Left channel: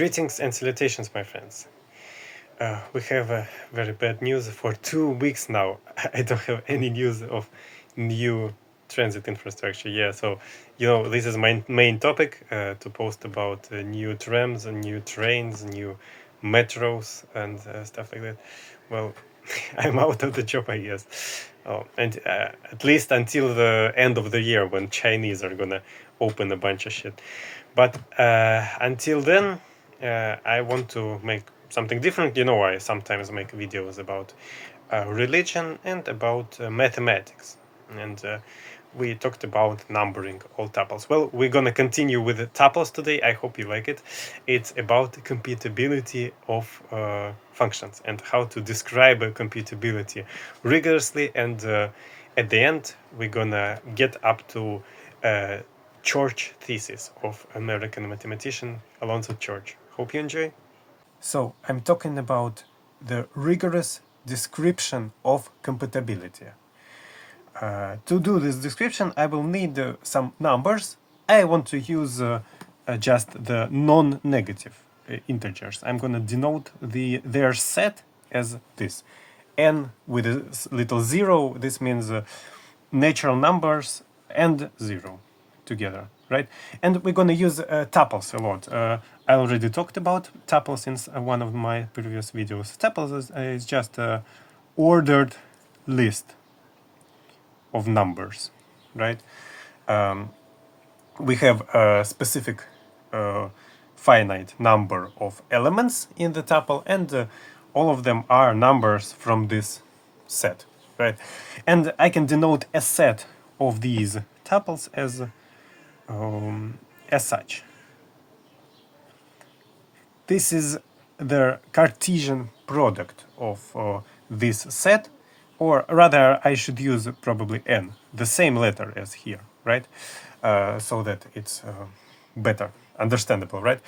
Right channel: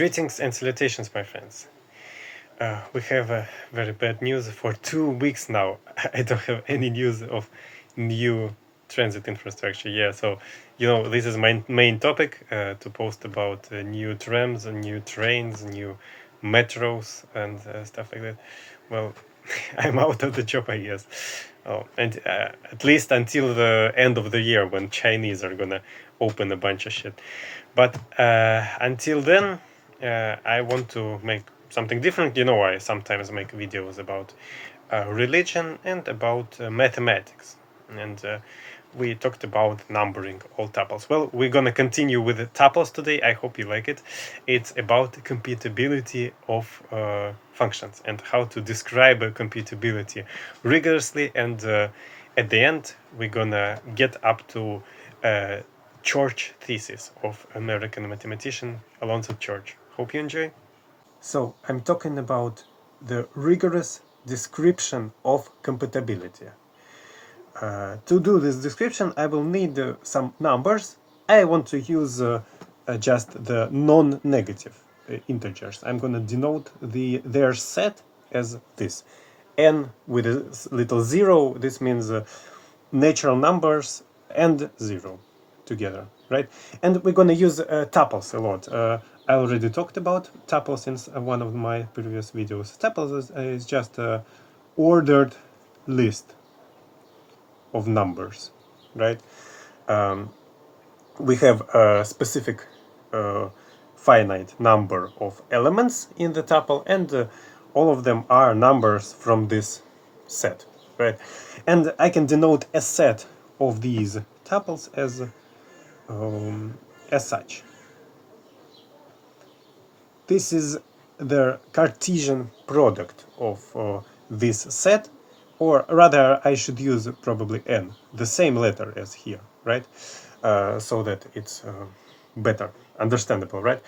Greetings and salutations, my friends. We have very bad news for 2 weeks now. I don't have any news of new transit infrastructure. Yeah, so this is my main topic to post about new trams, new trains, new metros, and stuff like that. Well, I'm out of the job, I guess. Oh, and at least until the end of the year, when Chinese are gonna open a bunch of shit. But until then, I want to make something different. I sometimes make videos about religion and about mathematics. And we talked about numbering all tuples. Well, we're gonna continue with the tuples today. I hope you like it. It's about computability of functions and how to describe a computability rigorously. And at the end, we're gonna get up to Church Thesis of American mathematician Alonzo Church. Hope you enjoy. So I'm talking about the rigorous description of computability. To do this description, I will need some numbers. I want to use just the non-negative integers. I'm going to denote their set as this. N with a little zero, this means natural numbers and zero together, right? And we're going to use tuples a lot. I already talked about tuples in one of my previous videos. Tuples is just an ordered list of numbers, right? We have a specific finite number of elements in the tuple, and all of them are numbers from this set, right? And I can denote a set of these tuples as such. This is the Cartesian product of this set, or rather I should use probably n, the same letter as here, right? So that it's better understandable, right?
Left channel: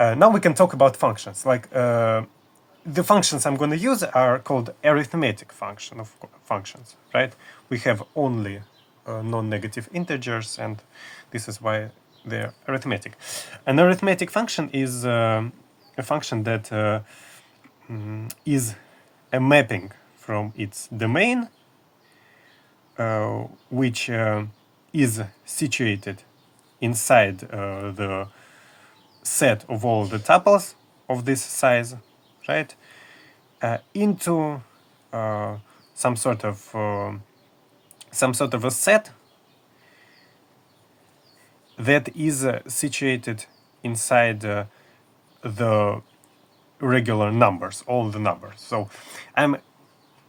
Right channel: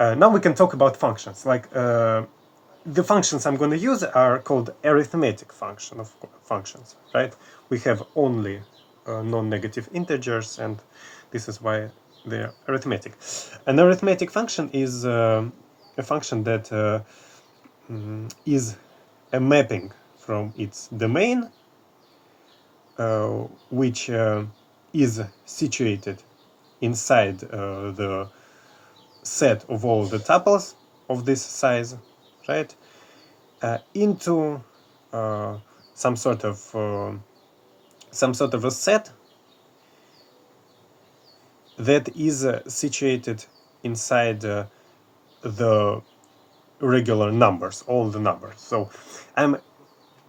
Now we can talk about functions. Like the functions I'm going to use are called arithmetic functions, right? We have only non-negative integers, and this is why they're arithmetic. An arithmetic function is a function that is a mapping from its domain, which is situated inside the set of all the tuples of this size, right? Into some sort of a set that is situated inside the regular numbers, all the numbers. So I'm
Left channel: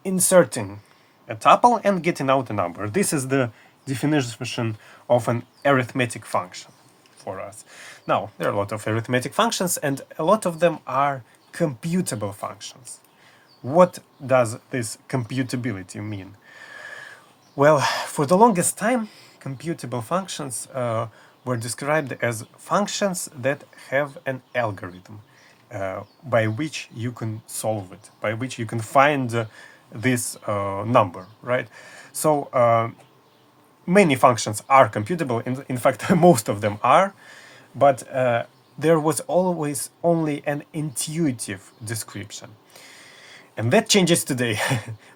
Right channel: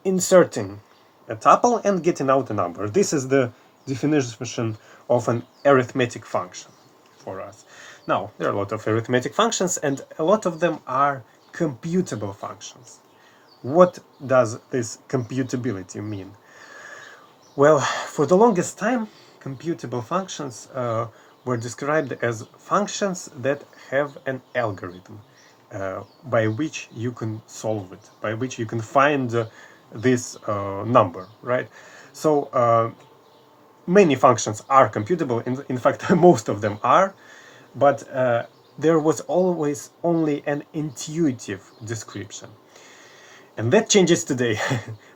inserting a tuple and getting out a number. This is the definition of an arithmetic function for us. Now, there are a lot of arithmetic functions, and a lot of them are computable functions. What does this computability mean? Well, for the longest time, computable functions were described as functions that have an algorithm by which you can solve it, by which you can find this number, right? So many functions are computable. In fact, most of them are, but there was always only an intuitive description. And that changes today.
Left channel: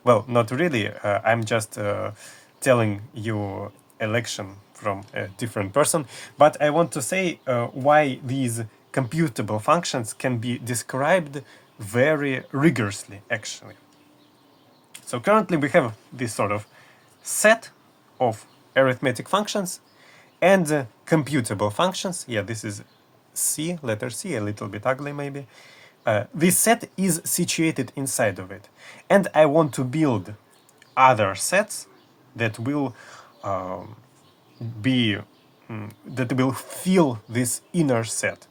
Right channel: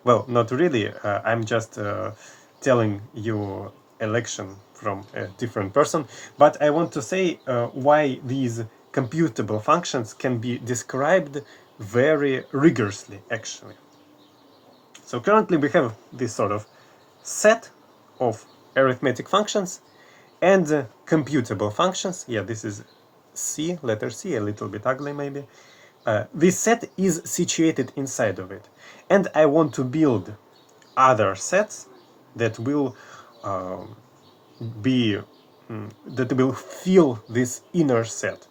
Well, not really. I'm just telling you a lection from a different person. But I want to say why these computable functions can be described very rigorously, actually. So currently we have this sort of set of arithmetic functions and computable functions. Yeah, this is C, letter C, a little bit ugly maybe. This set is situated inside of it, and I want to build other sets that will fill this inner set.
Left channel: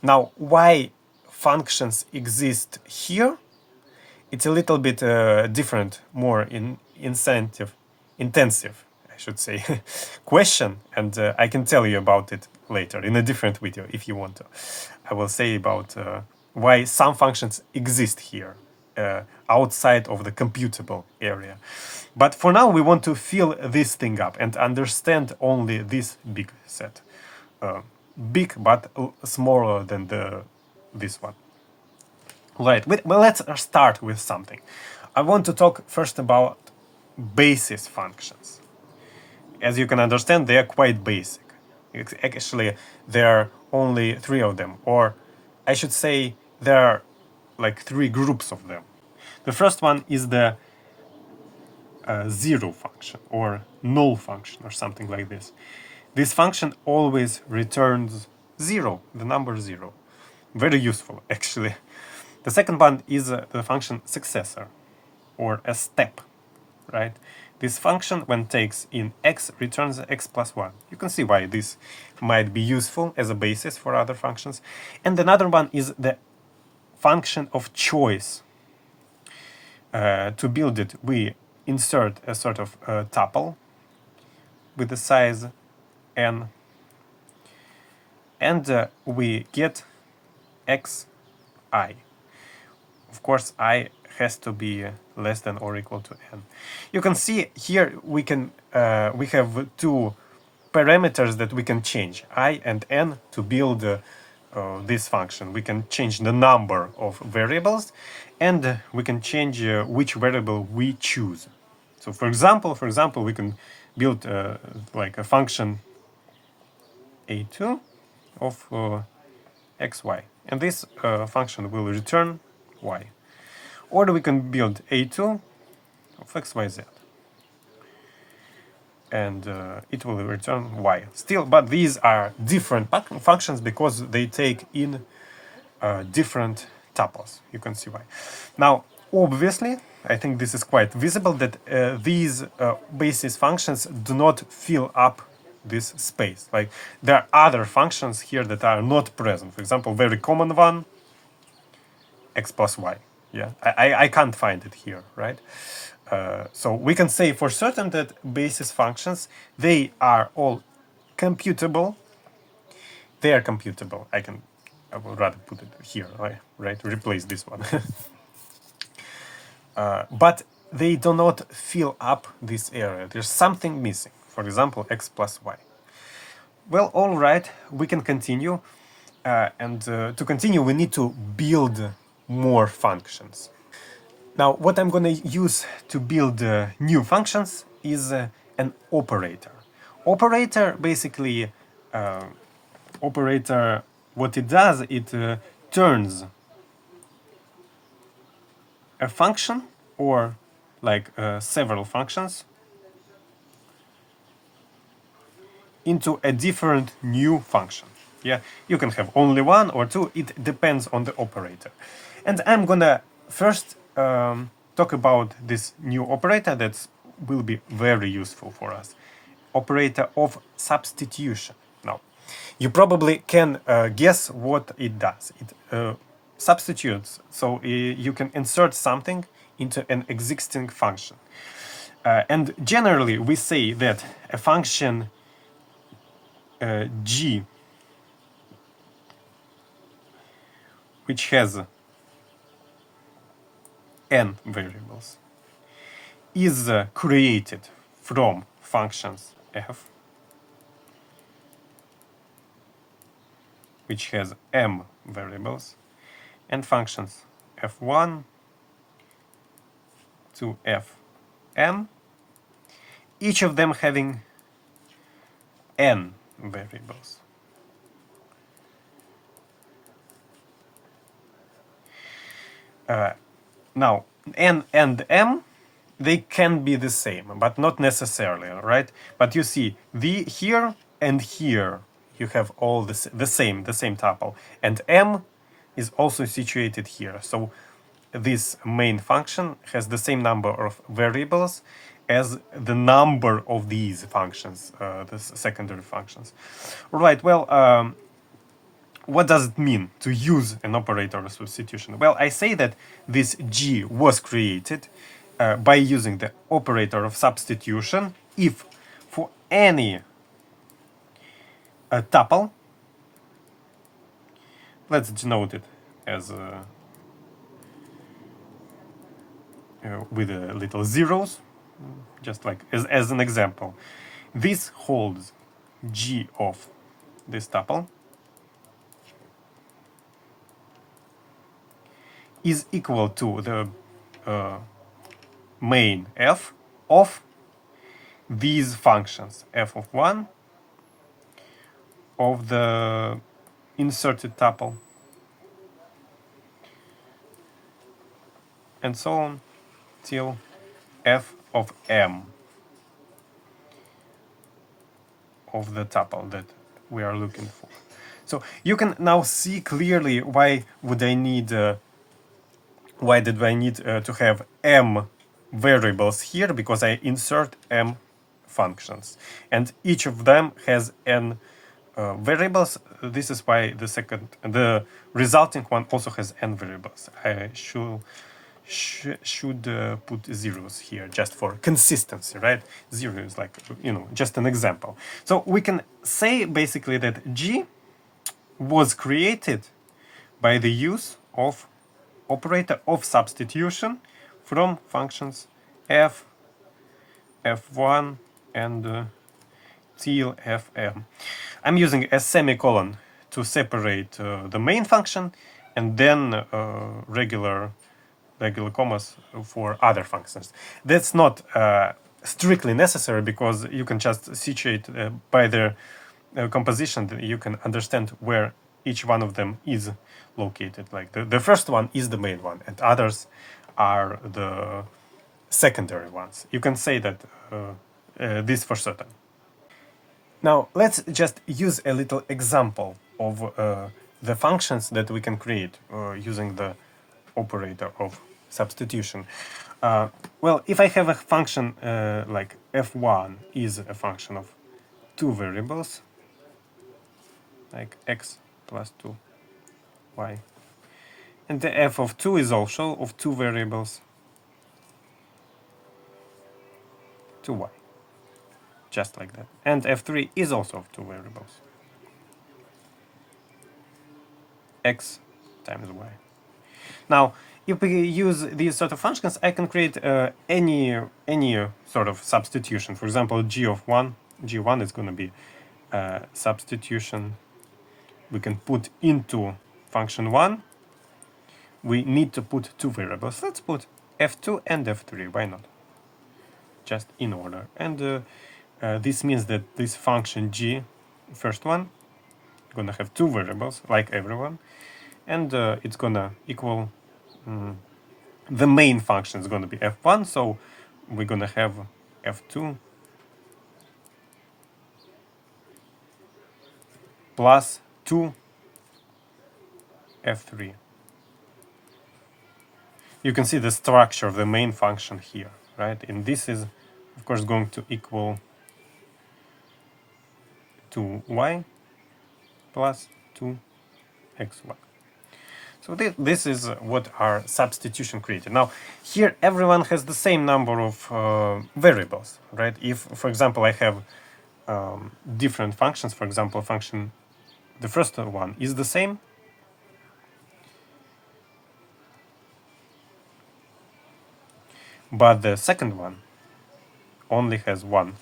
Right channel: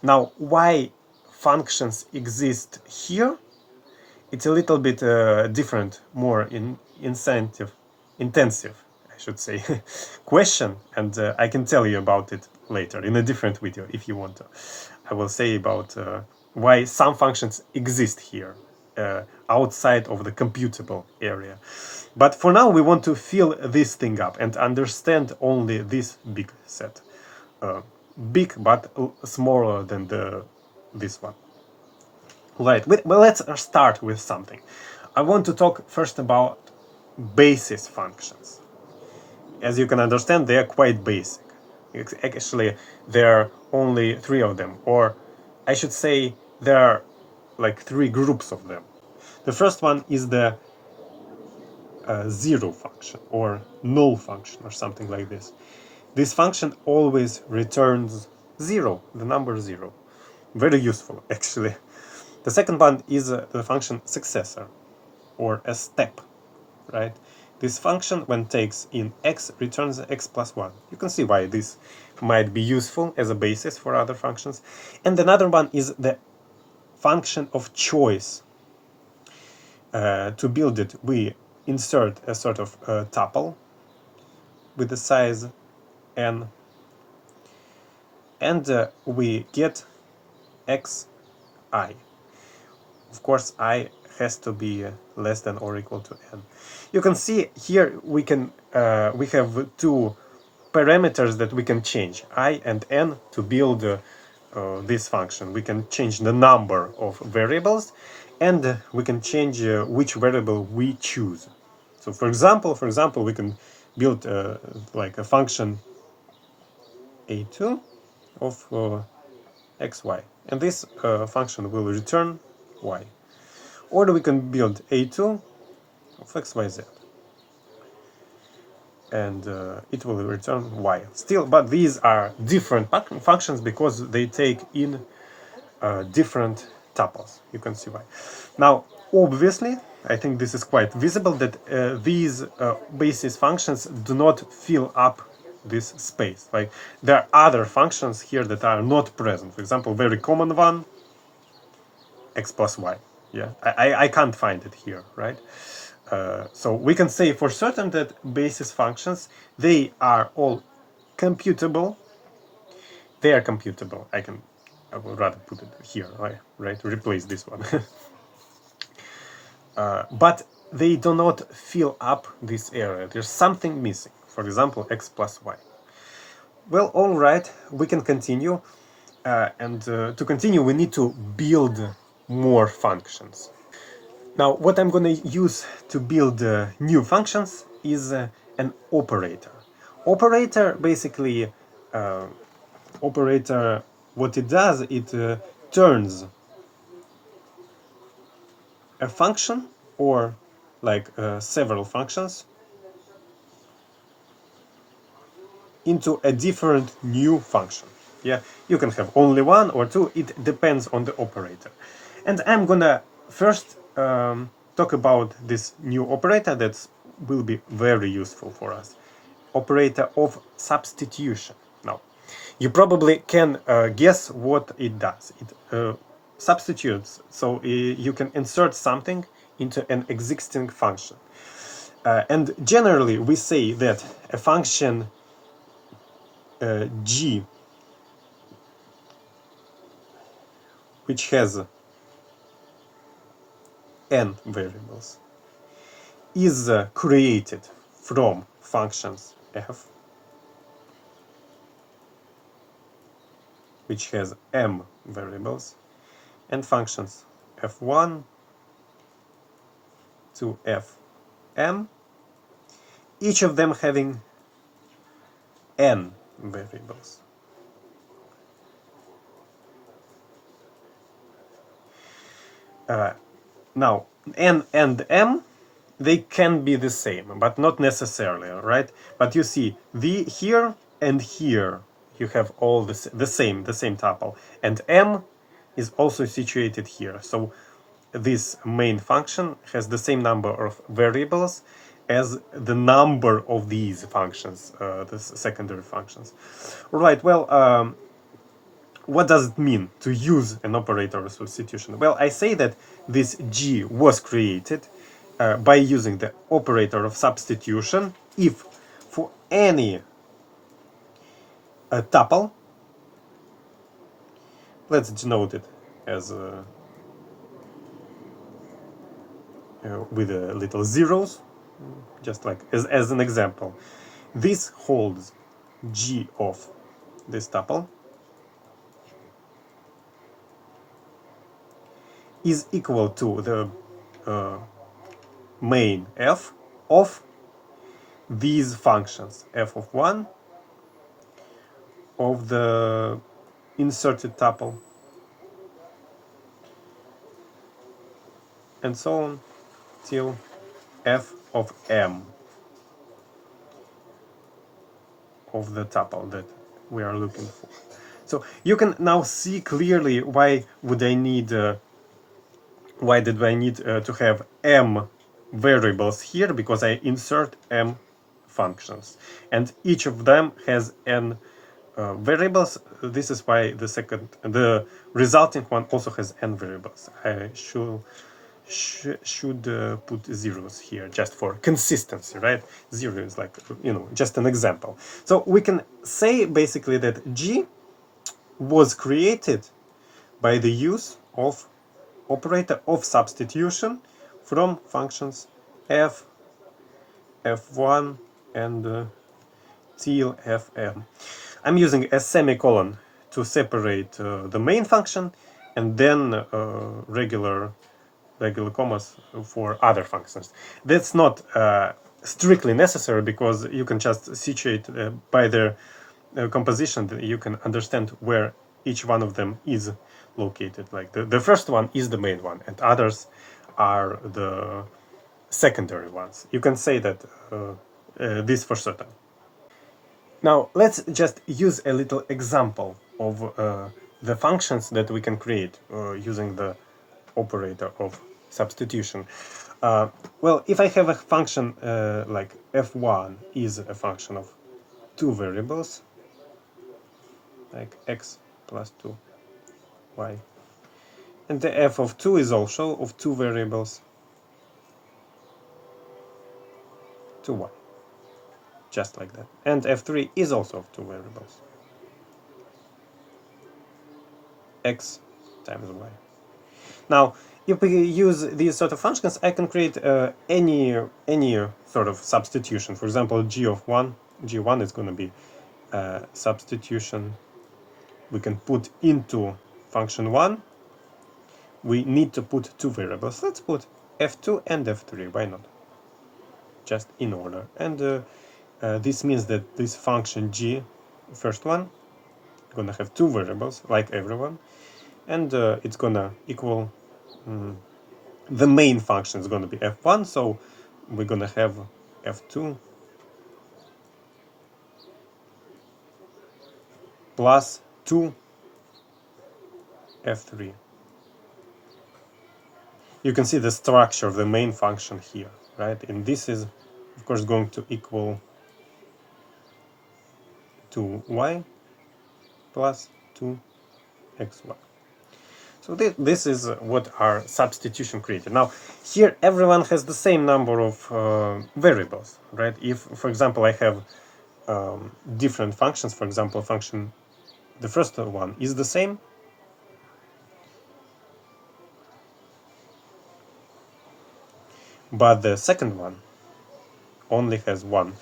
Now, why functions exist here? It's a little bit different, more intensive, I should say, question, and I can tell you about it later in a different video if you want to. I will say about why some functions exist here outside of the computable area. But for now, we want to fill this thing up and understand only this big set. Big, but smaller than the this one. Right, well, let's start with something. I want to talk first about basis functions. As you can understand, they are quite basic. Actually, there are only three of them, or I should say there are like three groups of them. The first one is the zero function or null function or something like this. This function always returns zero, the number zero. Very useful, actually. The second one is the function successor or a step, right? This function, when takes in x, returns x plus 1. You can see why this might be useful as a basis for other functions. And another one is the function of choice. To build it, we insert a sort of tuple with the size n, and we get xi. Of course, I has to be less than or equal to n. You can see here we have two parameters that we can change, I and n, to build this function. We can change the number of variables, and we can change which variable we choose. So, for example, we can build like a function a2 of xy, and this function will return y. Or we can build a2 of xyz, and it will return y still, but these are different functions because they take in different tuples. You can see why. Now, obviously, I think this is quite visible that these basis functions do not fill up this space. Like, there are other functions here that are not present. For example, very common one, x plus y. Yeah, I can't find it here, right? So we can say for certain that basis functions, they are all computable. They are computable. I would rather put it here, right? Replace this one. But they do not fill up this area. There's something missing. For example, x plus y. Well, all right, we can continue. And to continue, we need to build more functions. Now, what I'm going to use to build new functions is an operator. Basically, operator, what it does, it turns a function or like several functions into a different new function. Yeah, you can have only one or two, it depends on the operator. And I'm gonna first talk about this new operator that will be very useful for us. Operator of substitution. Now, you probably can guess what it does. It substitutes, so you can insert something into an existing function. And generally, we say that a function g, which has n variables, is created from functions f, which has m variables, and functions f1 to fm, each of them having n variables. Now, n and m, they can be the same, but not necessarily, right? But you see, here and here, you have all the same tuple, and m is also situated here. So this main function has the same number of variables as the number of these functions, the secondary functions. All right, well, what does it mean to use an operator of substitution? Well, I say that this G was created by using the operator of substitution if for any tuple, let's denote it as with little zeros, just like as an example. This holds G of this tuple, is equal to the main f of these functions, f of 1 of the inserted tuple, and so on till f of m of the tuple that we are looking for. So you can now see clearly why would I need why did I need to have m variables here, because I insert m functions and each of them has n variables. This is why the resulting one also has n variables. I should put zeros here just for consistency, right? Zero is like, just an example. So we can say basically that G was created by the use of operator of substitution from functions f, f1, and till fm. I'm using a semicolon to separate the main function, and then regular commas for other functions. That's not strictly necessary, because you can just situate by their composition that you can understand where each one of them is located. Like the first one is the main one, and others are the secondary ones. You can say that this for certain. Now let's just use a little example of the functions that we can create using the operator of substitution. Well, if I have a function like f1 is a function of two variables, like x plus 2y, and the f of 2 is also of two variables, 2y, just like that, and f3 is also of two variables, x times y. Now, if we use these sort of functions, I can create any sort of substitution. For example, g1 is going to be substitution we can put into function 1. We need to put two variables. Let's put f2 and f3. Why not? Just in order. And this means that this function g, first one, gonna have two variables like everyone, and it's gonna equal the main function is gonna be f1, so we're gonna have f2 plus 2 f3. You can see the structure of the main function here, right? And this is of course going to equal 2y plus 2xy. So this is what our substitution created. Now here everyone has the same number of variables, right? If, for example, I have different functions, for example, the first one is the same, but the second one only has one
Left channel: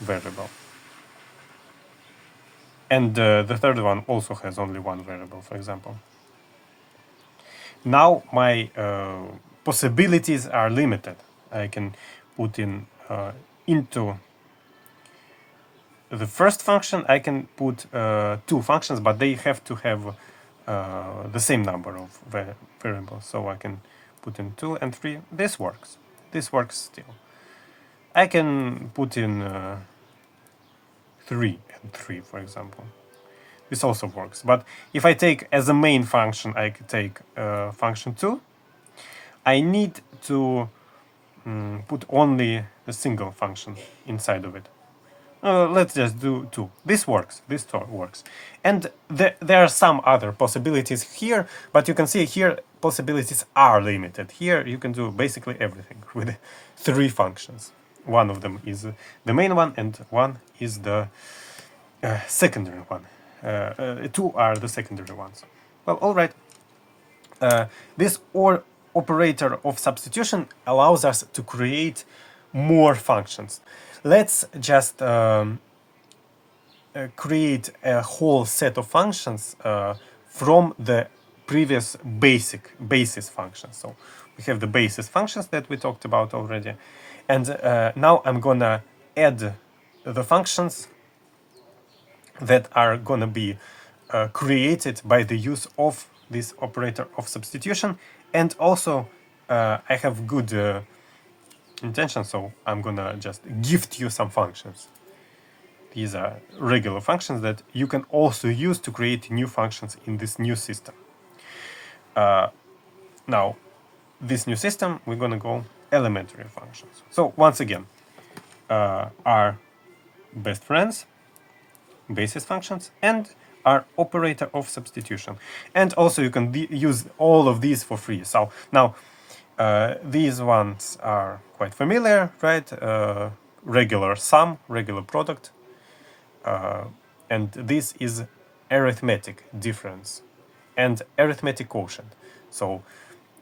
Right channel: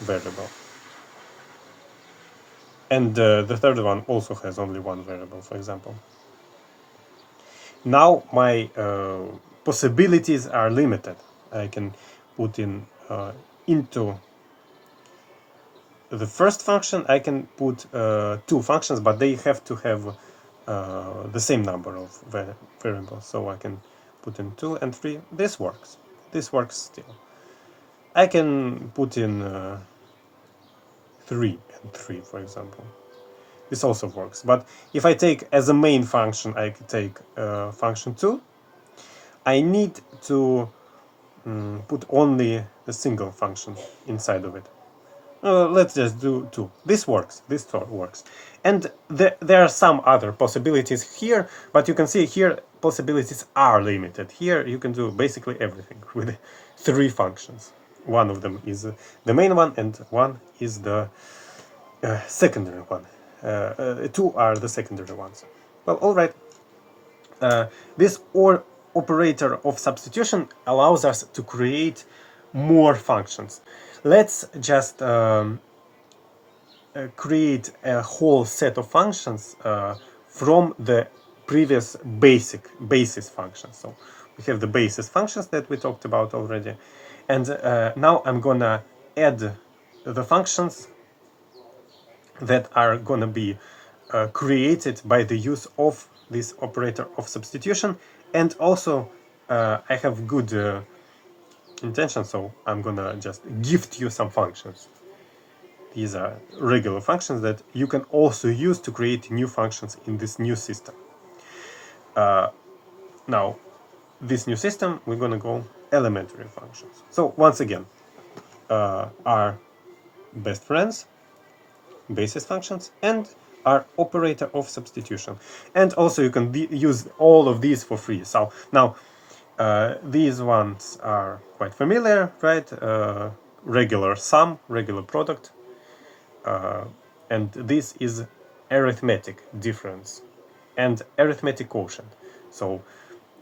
variable, and the third one also has only one variable, for example. Now my possibilities are limited. I can put in into the first function, I can put two functions, but they have to have the same number of variables. So I can put in 2 and 3. This works. This works still. I can put in 3 and 3, for example. This also works. But if I take as a main function, I could take function 2. I need to put only a single function inside of it. Let's just do 2. This works. This works. And there are some other possibilities here, but you can see here possibilities are limited. Here you can do basically everything with 3 functions. One of them is the main one, and one is the secondary one. 2 are the secondary ones. Well, all right. This operator of substitution allows us to create more functions. Let's just create a whole set of functions from the previous basis functions. So we have the basis functions that we talked about already, and now I'm gonna add the functions that are gonna be created by the use of this operator of substitution. And also I have good intention, so I'm gonna just gift you some functions. These are regular functions that you can also use to create new functions in this new system. Now, this new system, we're gonna go elementary functions. So once again, our best friends, basis functions, and our operator of substitution. And also you can use all of these for free. So now these ones are quite familiar, right? Regular sum, regular product, and this is arithmetic difference and arithmetic quotient. So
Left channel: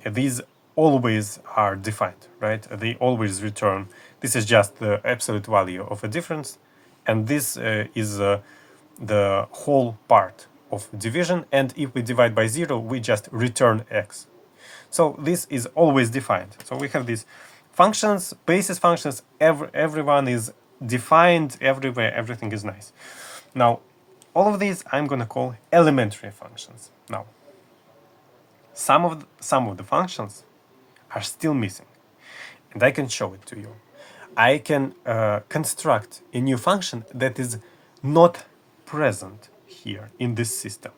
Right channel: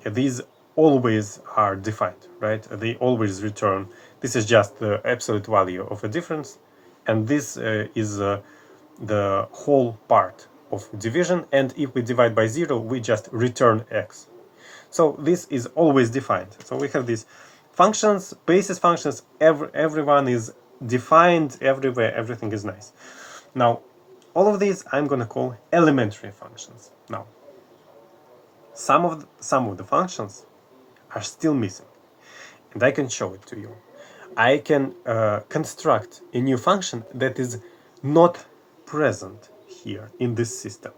these always are defined, right? They always return. This is just the absolute value of a difference, and this is the whole part of division. And if we divide by 0, we just return x. So this is always defined. So we have these functions, basis functions. Everyone is defined everywhere. Everything is nice. Now, all of these I'm going to call elementary functions. Now, some of the functions are still missing, and I can show it to you. I can construct a new function that is not present here in this system.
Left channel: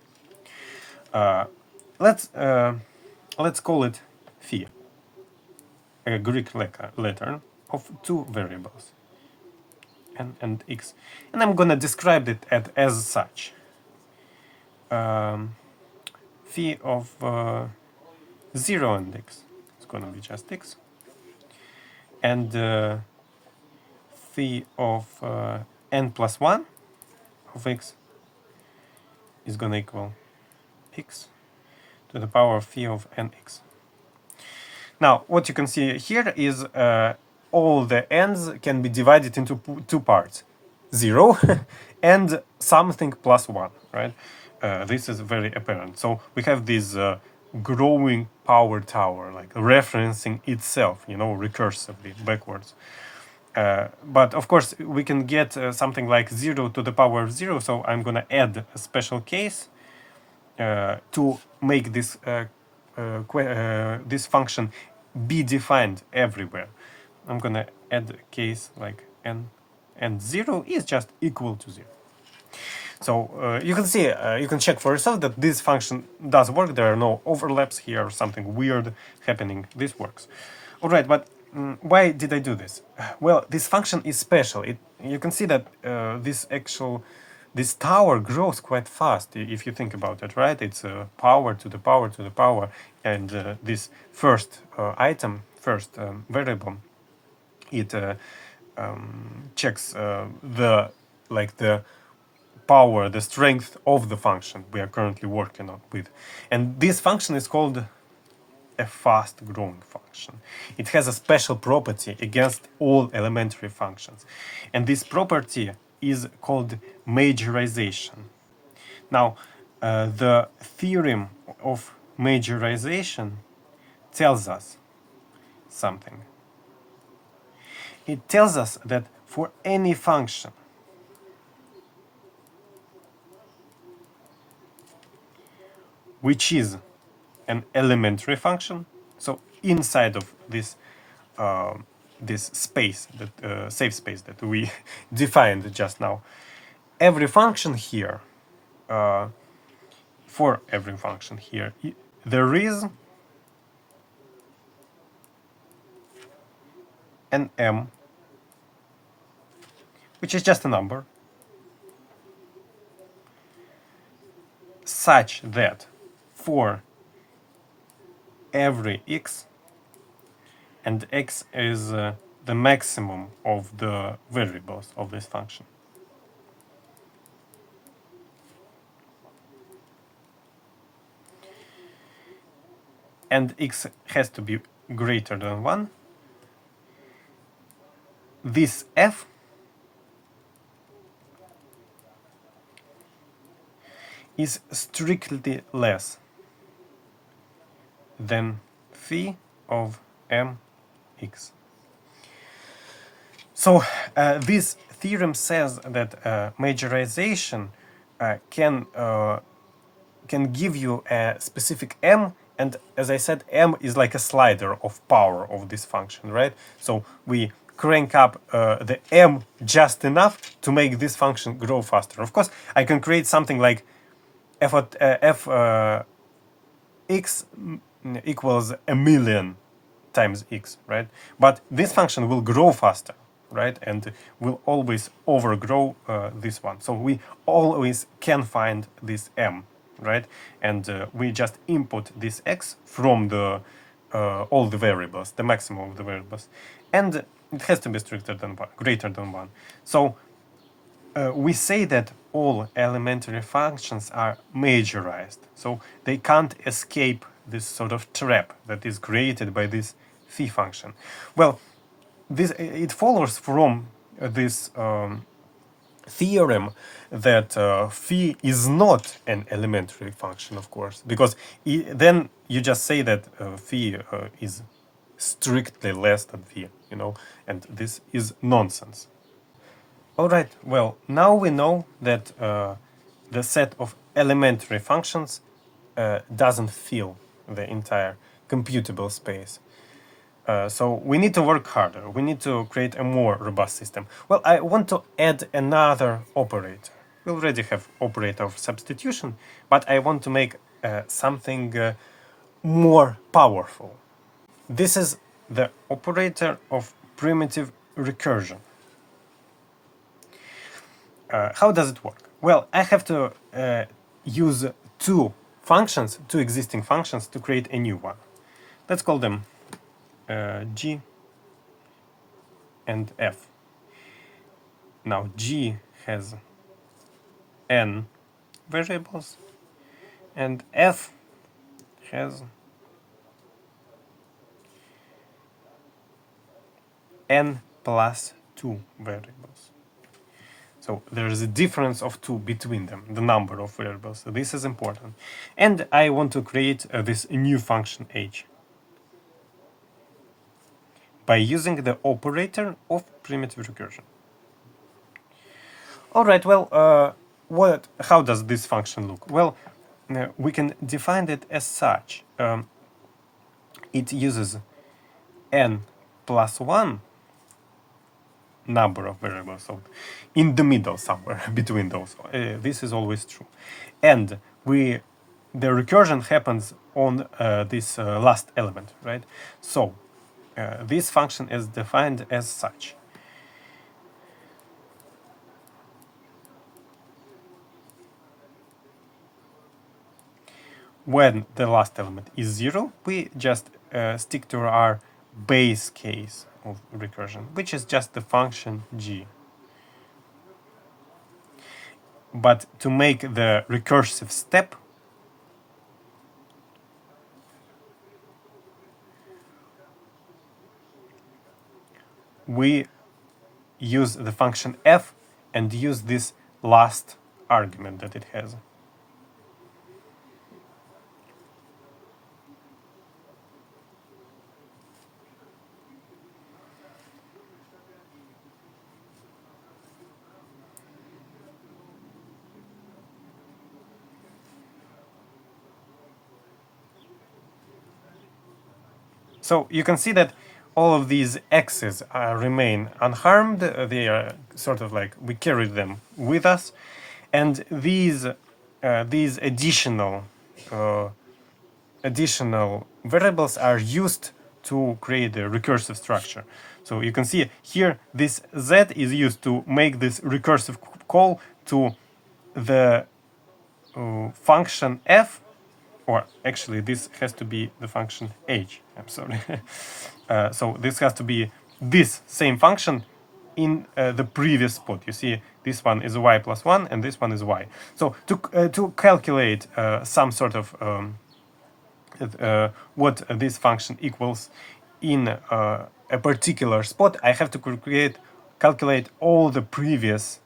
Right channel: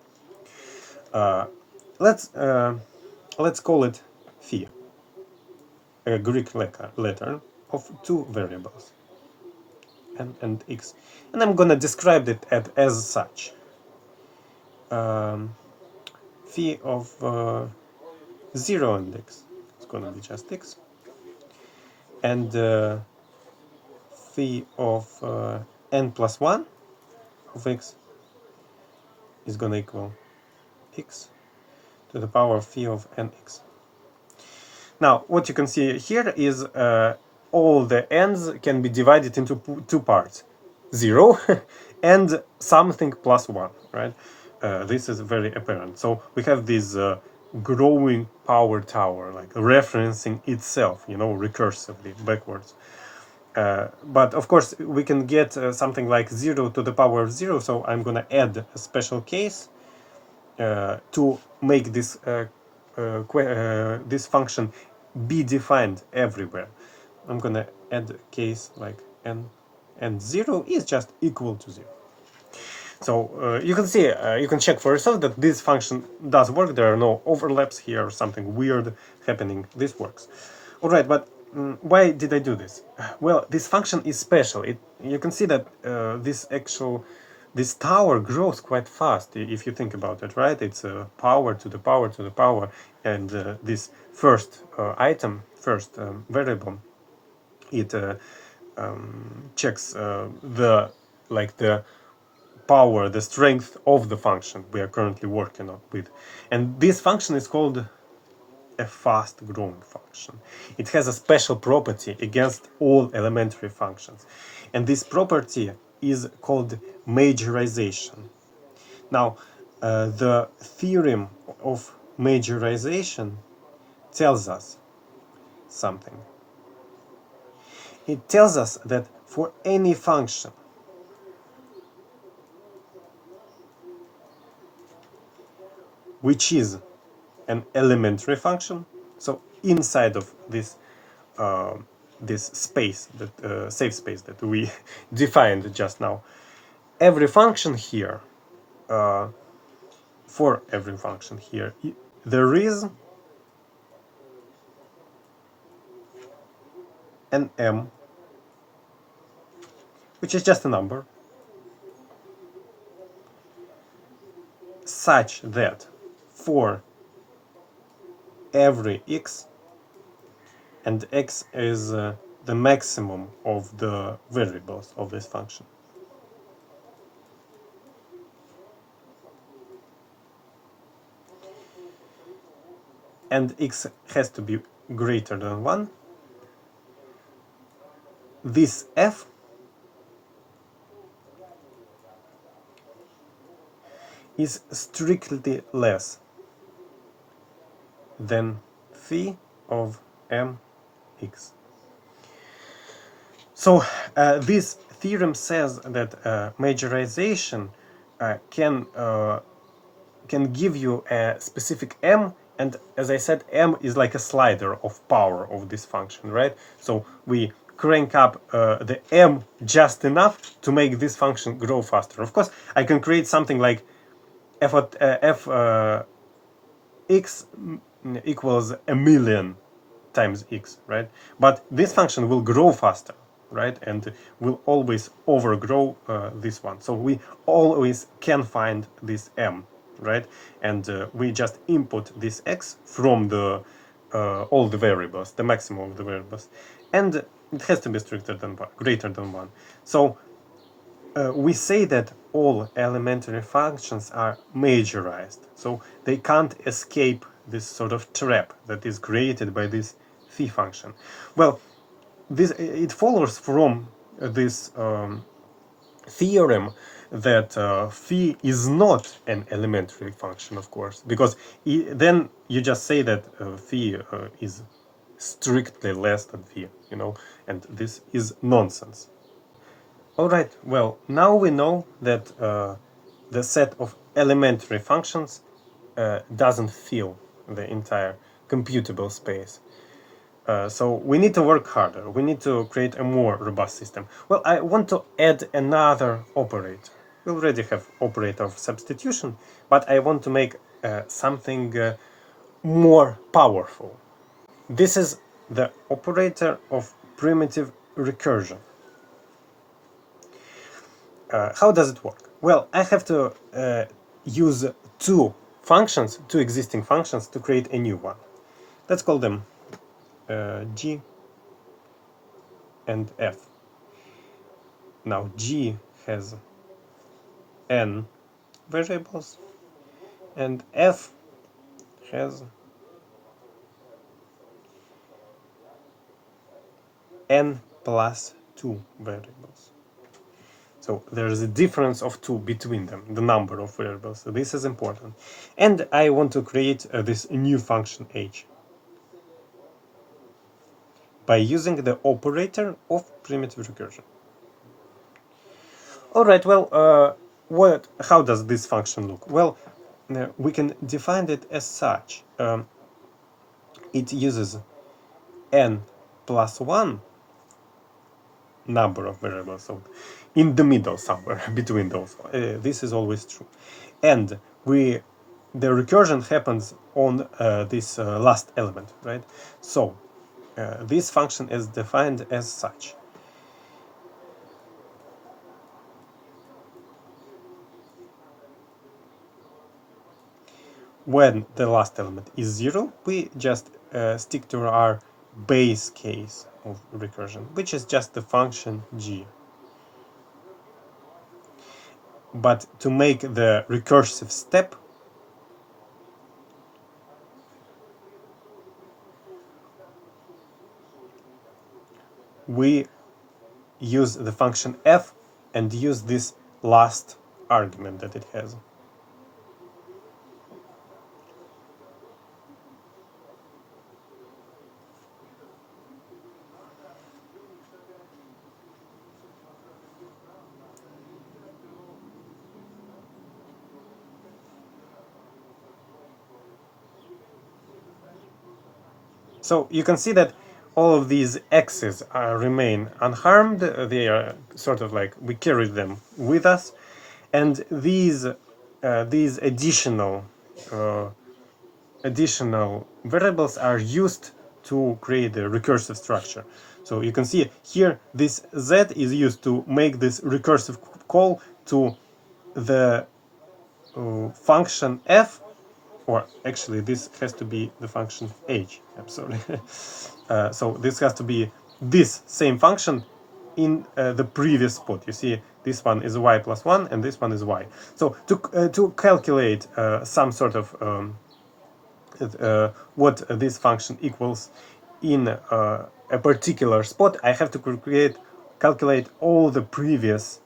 Let's call it phi, a Greek letter of two variables, n and x, and I'm gonna describe it as such. Phi of 0 and x, it's gonna be just x, and phi of n plus 1 of x is gonna equal x to the power of phi of nx. Now, what you can see here is all the n's can be divided into two parts, 0 and something plus 1, right? This is very apparent. So we have this growing power tower, like referencing itself, recursively backwards. But of course, we can get something like 0 to the power of 0, so I'm going to add a special case to make this this function be defined everywhere. I'm going to add a case like n, and 0 is just equal to 0. So you can see, you can check for yourself that this function does work. There are no overlaps here or something weird happening. This works. All right, but why did I do this? Well, this function is special. You can see that this tower grows quite fast if you think about it, right? It's power to the power to the power, and this first item, first variable, it checks the power, the strength of the function we are currently working with. And this function is called a fast growing function. It has a special property against all elementary functions. And this property is called majorization. Now, the theorem of majorization tells us something. It tells us that for any function which is an elementary function, so inside of this this space, that safe space that we defined just now, every function here, for every function here, there is an m, which is just a number, such that for every x, and x is the maximum of the variables of this function, and x has to be greater than 1, this f is strictly less than phi of mx. So this theorem says that majorization can give you a specific m, and as I said, m is like a slider of power of this function, right? So we crank up the m just enough to make this function grow faster. Of course, I can create something like f x equals a million times x, right? But this function will grow faster, right? And will always overgrow this one. So we always can find this m, right? And we just input this x from the all the variables, the maximum of the variables, and it has to be stricter than one, greater than one. So we say that all elementary functions are majorized, so they can't escape this sort of trap that is created by this phi function. Well, this it follows from this theorem that phi is not an elementary function, of course, because then you just say that phi is strictly less than phi, you know, and this is nonsense. Alright, well, now we know that the set of elementary functions doesn't fill the entire computable space. So we need to work harder. We need to create a more robust system. Well, I want to add another operator. We already have operator of substitution, but I want to make something more powerful. This is the operator of primitive recursion. How does it work? Well, I have to use two functions, two existing functions, to create a new one. Let's call them g and f. Now g has n variables and f has n plus 2 variables. So there's a difference of 2 between them, the number of variables. So this is important. And I want to create this new function h by using the operator of primitive recursion. All right, well, how does this function look? Well, we can define it as such. It uses n plus 1 number of variables, so in the middle somewhere between those. This is always true. And the recursion happens on this last element, right? So this function is defined as such. When the last element is 0, we just stick to our base case of recursion, which is just the function g. But to make the recursive step, we use the function f and use this last argument that it has. So you can see that all of these x's remain unharmed. They are sort of like we carry them with us, and these additional variables are used to create a recursive structure. So you can see here this z is used to make this recursive call to the function f, or actually this has to be the function h, I'm sorry. So this has to be this same function in the previous spot. You see this one is y plus 1 and this one is y. So to calculate some sort of what this function equals in a particular spot, I have to calculate all the previous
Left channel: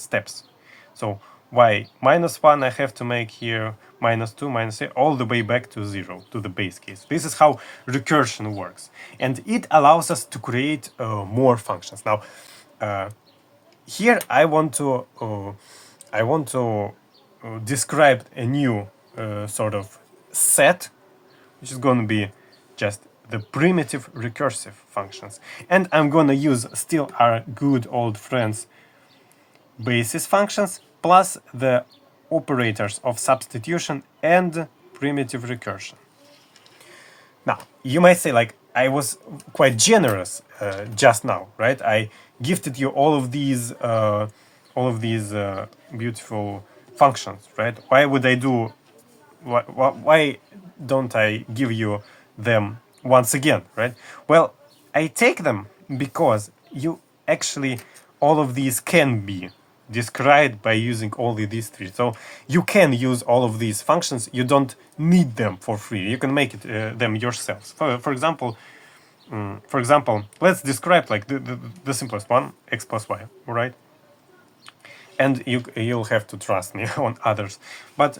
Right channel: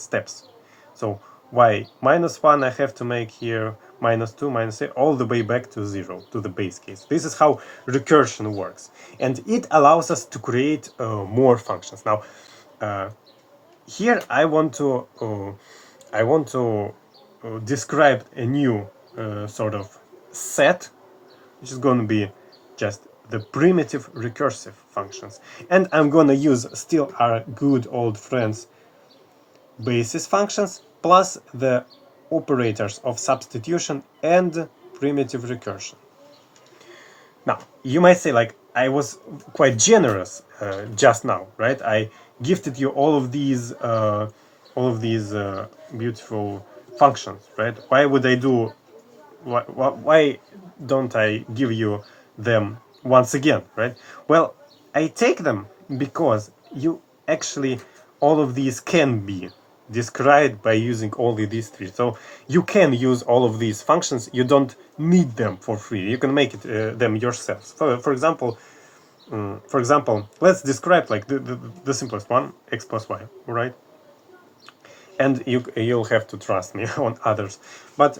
steps. So y minus 1, I have to make here minus 2, minus 3, all the way back to 0, to the base case. This is how recursion works. And it allows us to create more functions. Now, here I want to describe a new sort of set, which is going to be just the primitive recursive functions. And I'm going to use still our good old friends basis functions plus the operators of substitution and primitive recursion. Now, you might say, like, I was quite generous just now, right? I gifted you all of these beautiful functions, right? Why would I do? Why don't I give you them once again, right? Well, I take them because you actually, all of these can be described by using only these three. So you can use all of these functions. You don't need them for free. You can make it them yourselves. For example, let's describe like the simplest one, x plus y, right? And you'll have to trust me on others. But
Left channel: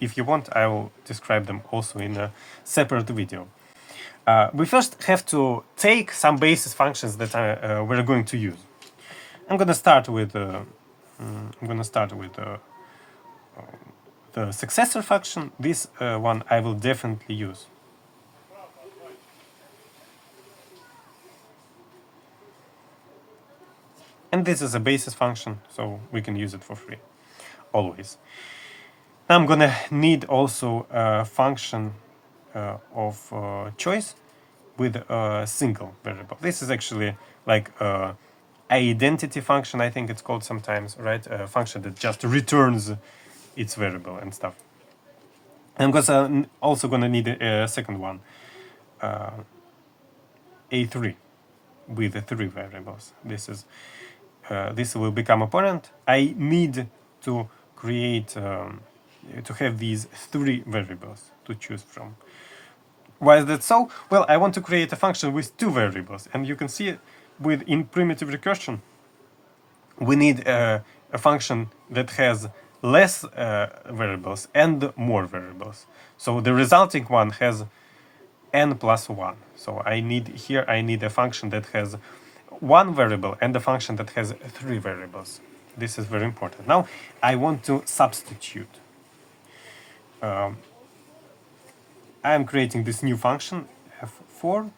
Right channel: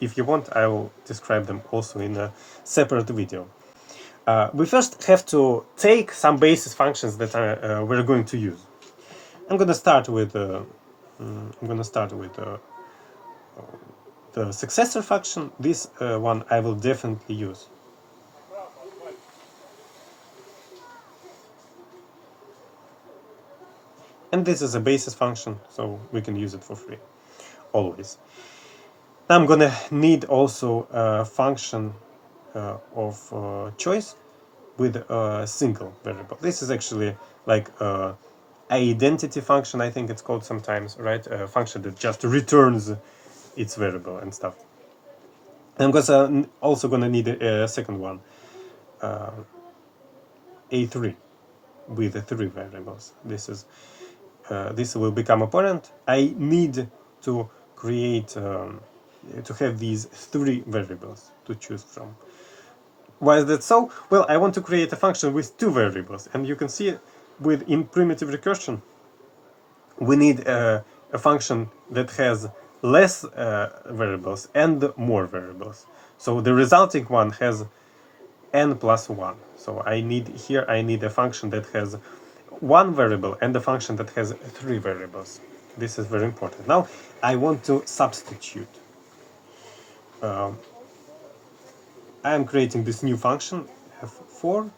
if you want, I will describe them also in a separate video. We first have to take some basis functions that we're going to use. I'm going to start with the successor function. This one I will definitely use. And this is a basis function, so we can use it for free, always. Now I'm gonna need also a function of choice with a single variable. This is actually like identity function, I think it's called sometimes, right? A function that just returns its variable and stuff. I'm also gonna need a second one, a3, with the 3 variables. This will become apparent. I need to create, to have these 3 variables to choose from. Why is that so? Well, I want to create a function with 2 variables, and you can see in primitive recursion, we need a function that has less variables and more variables. So the resulting one has n plus 1. So I need a function that has 1 variable and a function that has 3 variables. This is very important. Now I want to substitute. I'm creating this new function f4,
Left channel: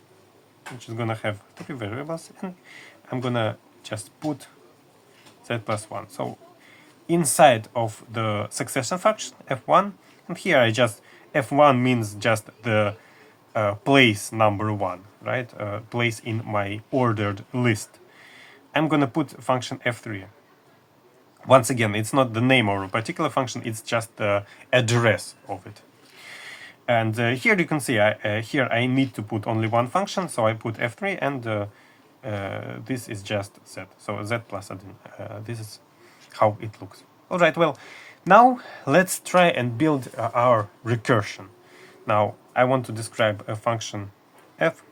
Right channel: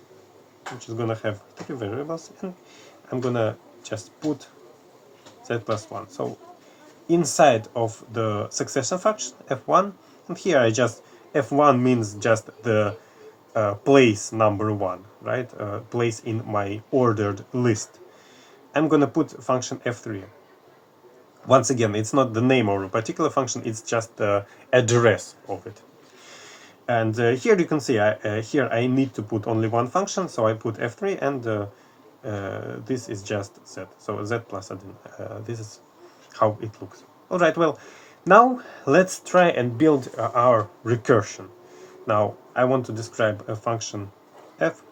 which is gonna have 3 variables, and I'm gonna just put z plus 1. So inside of the succession function f1, and here I just f1 means just the place number 1, right? Place in my ordered list. I'm gonna put function f3. Once again, it's not the name of a particular function, it's just the address of it. And here you can see, here I need to put only one function, so I put f3, and this is just z. So z plus this is how it looks. All right, well, now let's try and build our recursion. Now, I want to describe a function f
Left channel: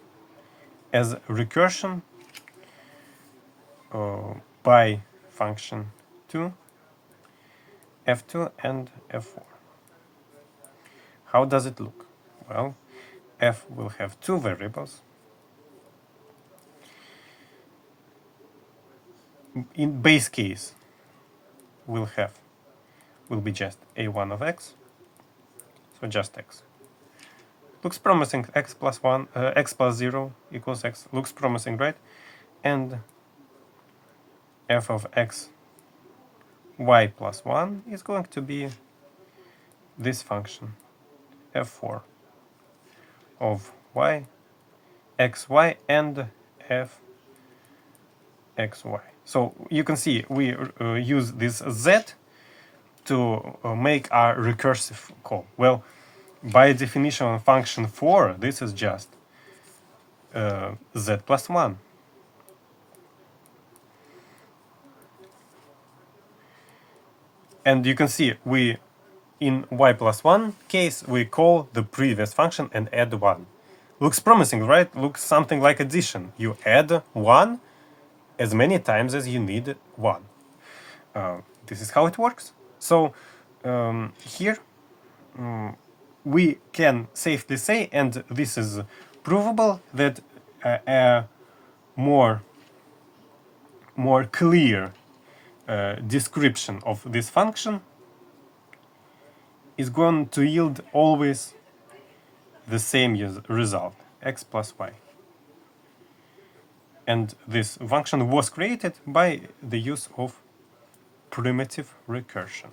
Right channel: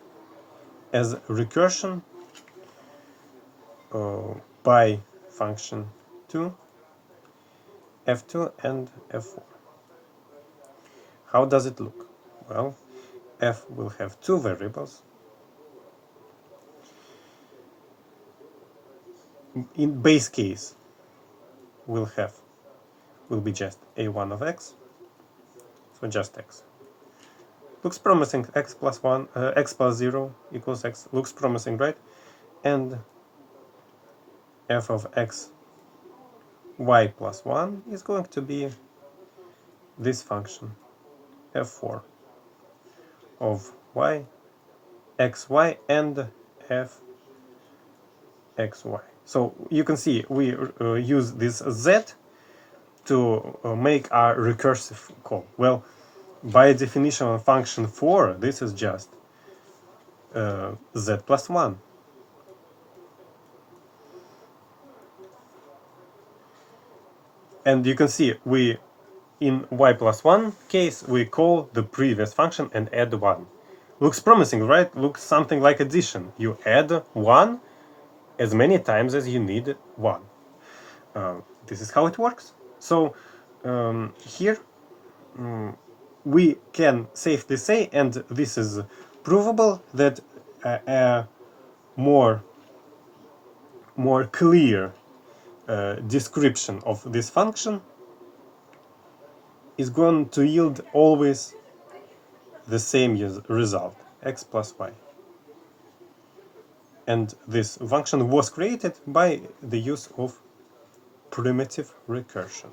as recursion by function 2, f2, and f4. How does it look? Well, f will have 2 variables. In base case, will be just a1 of x, so just x. Looks promising. X plus 1, x plus 0 equals x. Looks promising, right? And f of x y plus 1 is going to be this function f4 of y, xy, and f xy. So you can see we use this z to make our recursive call. Well, by definition of function 4, this is just z plus 1. And you can see in y plus 1 case, we call the previous function and add 1. Looks promising, right? Looks something like addition. You add 1 as many times as you need 1. This is how it works. So here we can safely say, and this is provable, that a more clear description of this function is going to yield always the same result, x plus y. And this function was created by the use of primitive recursion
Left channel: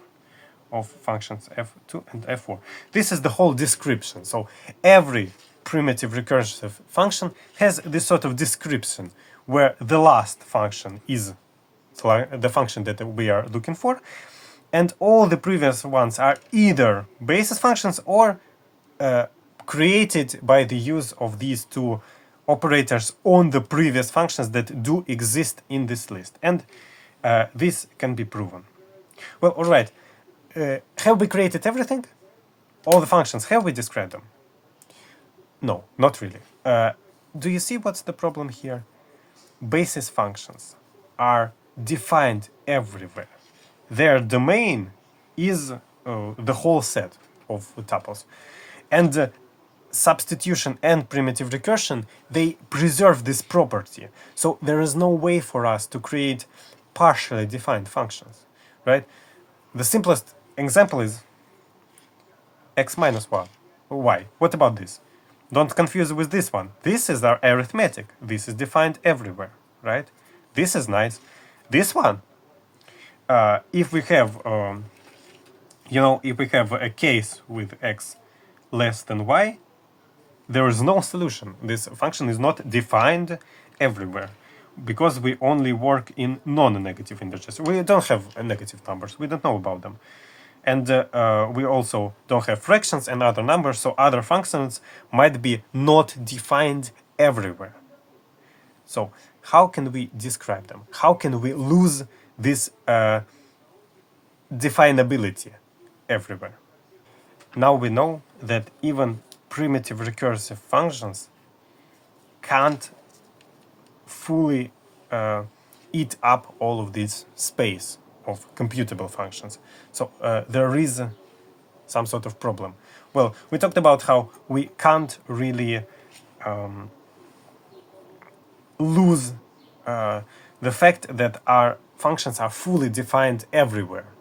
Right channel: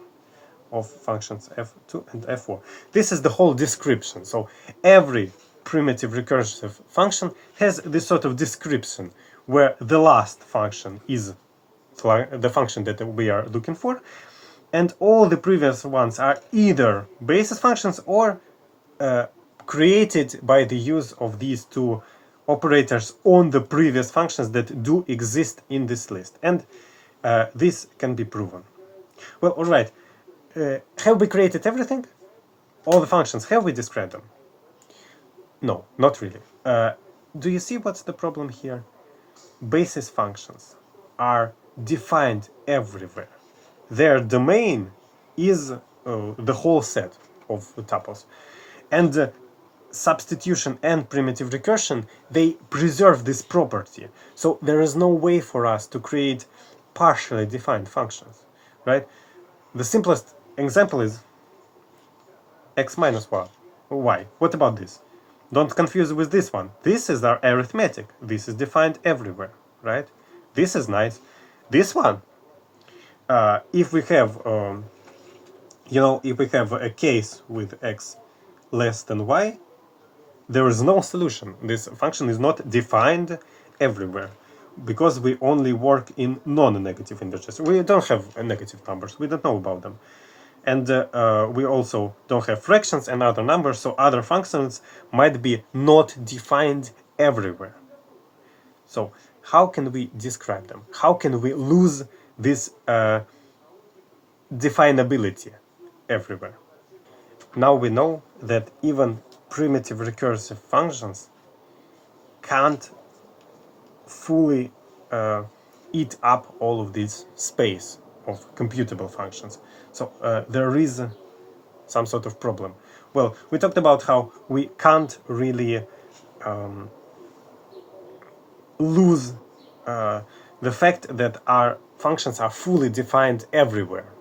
of functions f2 and f4. This is the whole description. So every primitive recursive function has this sort of description where the last function is the function that we are looking for, and all the previous ones are either basis functions or created by the use of these two operators on the previous functions that do exist in this list. And this can be proven. Well, all right. Have we created everything? All the functions, have we described them? No, not really. Do you see what's the problem here? Basis functions are defined everywhere. Their domain is the whole set of tuples. And substitution and primitive recursion, they preserve this property. So there is no way for us to create partially defined functions, right? The simplest example is x minus y. What about this? Don't confuse with this one. This is our arithmetic. This is defined everywhere, right? This is nice. This one, if we have, if we have a case with x less than y, there is no solution. This function is not defined everywhere because we only work in non-negative integers. We don't have negative numbers. We don't know about them. And we also don't have fractions and other numbers, so other functions might be not defined everywhere. So how can we describe them? How can we lose this definability everywhere? Now we know that even primitive recursive functions can't fully eat up all of this space of computable functions. So there is some sort of problem. Well, we talked about how we can't really lose the fact that our functions are fully defined everywhere.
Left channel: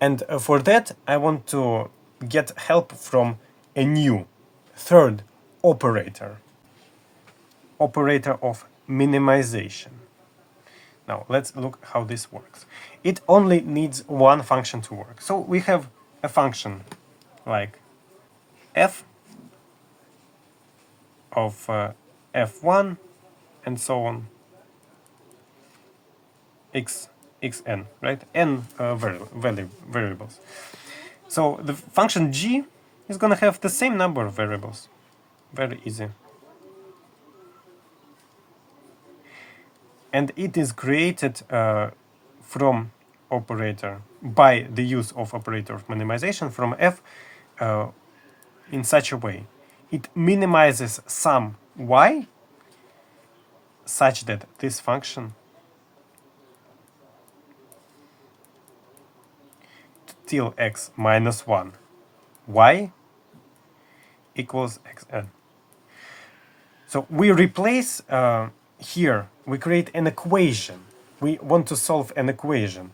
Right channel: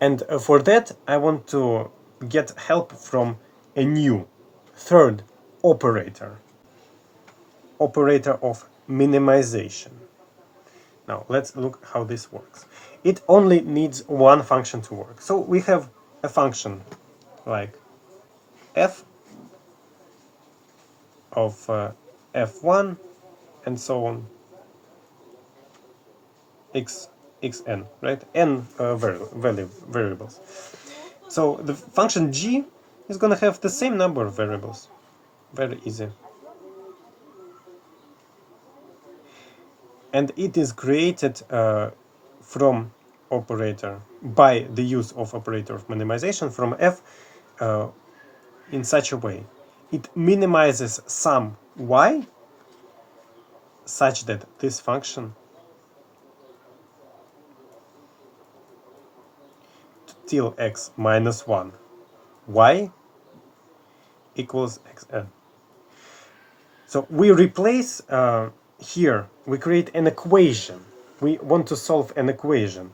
And for that, I want to get help from a new third operator of minimization. Now let's look how this works. It only needs one function to work. So we have a function like f of f1 and so on, xn, right? N variables. So the function g is going to have the same number of variables. Very easy. And it is created from operator by the use of operator of minimization from f in such a way. It minimizes some y such that this function till x minus 1 y equals xn. So we replace here, we create an equation. We want to solve an equation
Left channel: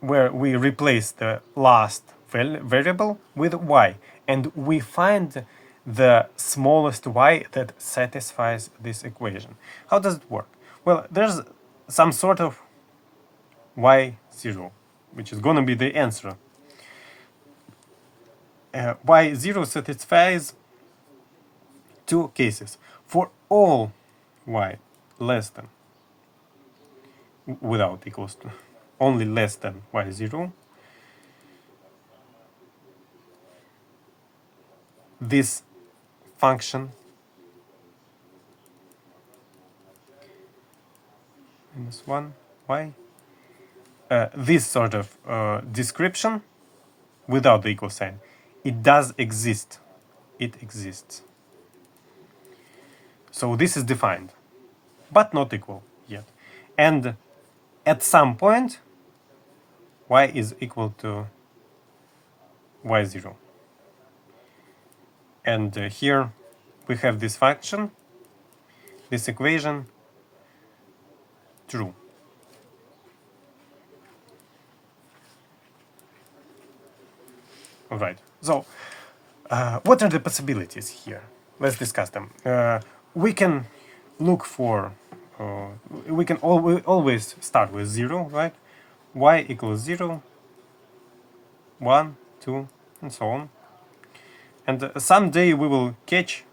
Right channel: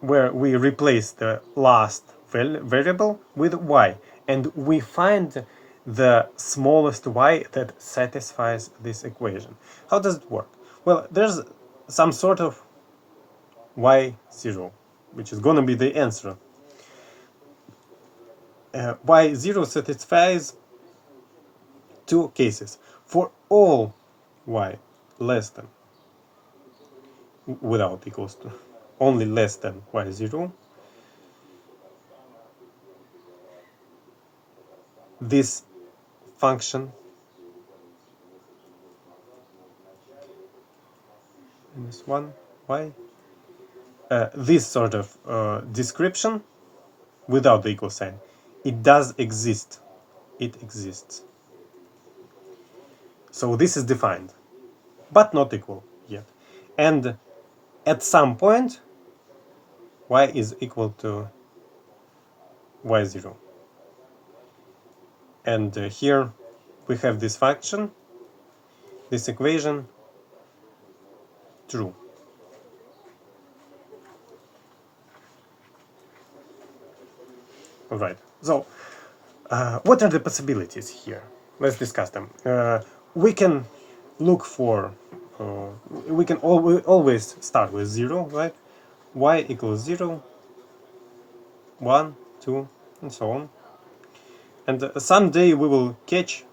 where we replace the last variable with y, and we find the smallest y that satisfies this equation. How does it work? Well, there's some sort of y0, which is going to be the answer. Y0 satisfies two cases. For all y less than, without equals to, only less than y0, this function minus 1 y, this sort of description without the equal sign, it does exist. It exists. So this is defined, but not equal yet. And at some point, y is equal to y0. And here we have this function, this equation, true. All right. So, what are the possibilities here? Let's discuss them. We can look for, we can always start with 0, right? Y equals 0, 1, 2, and so on. And someday we will catch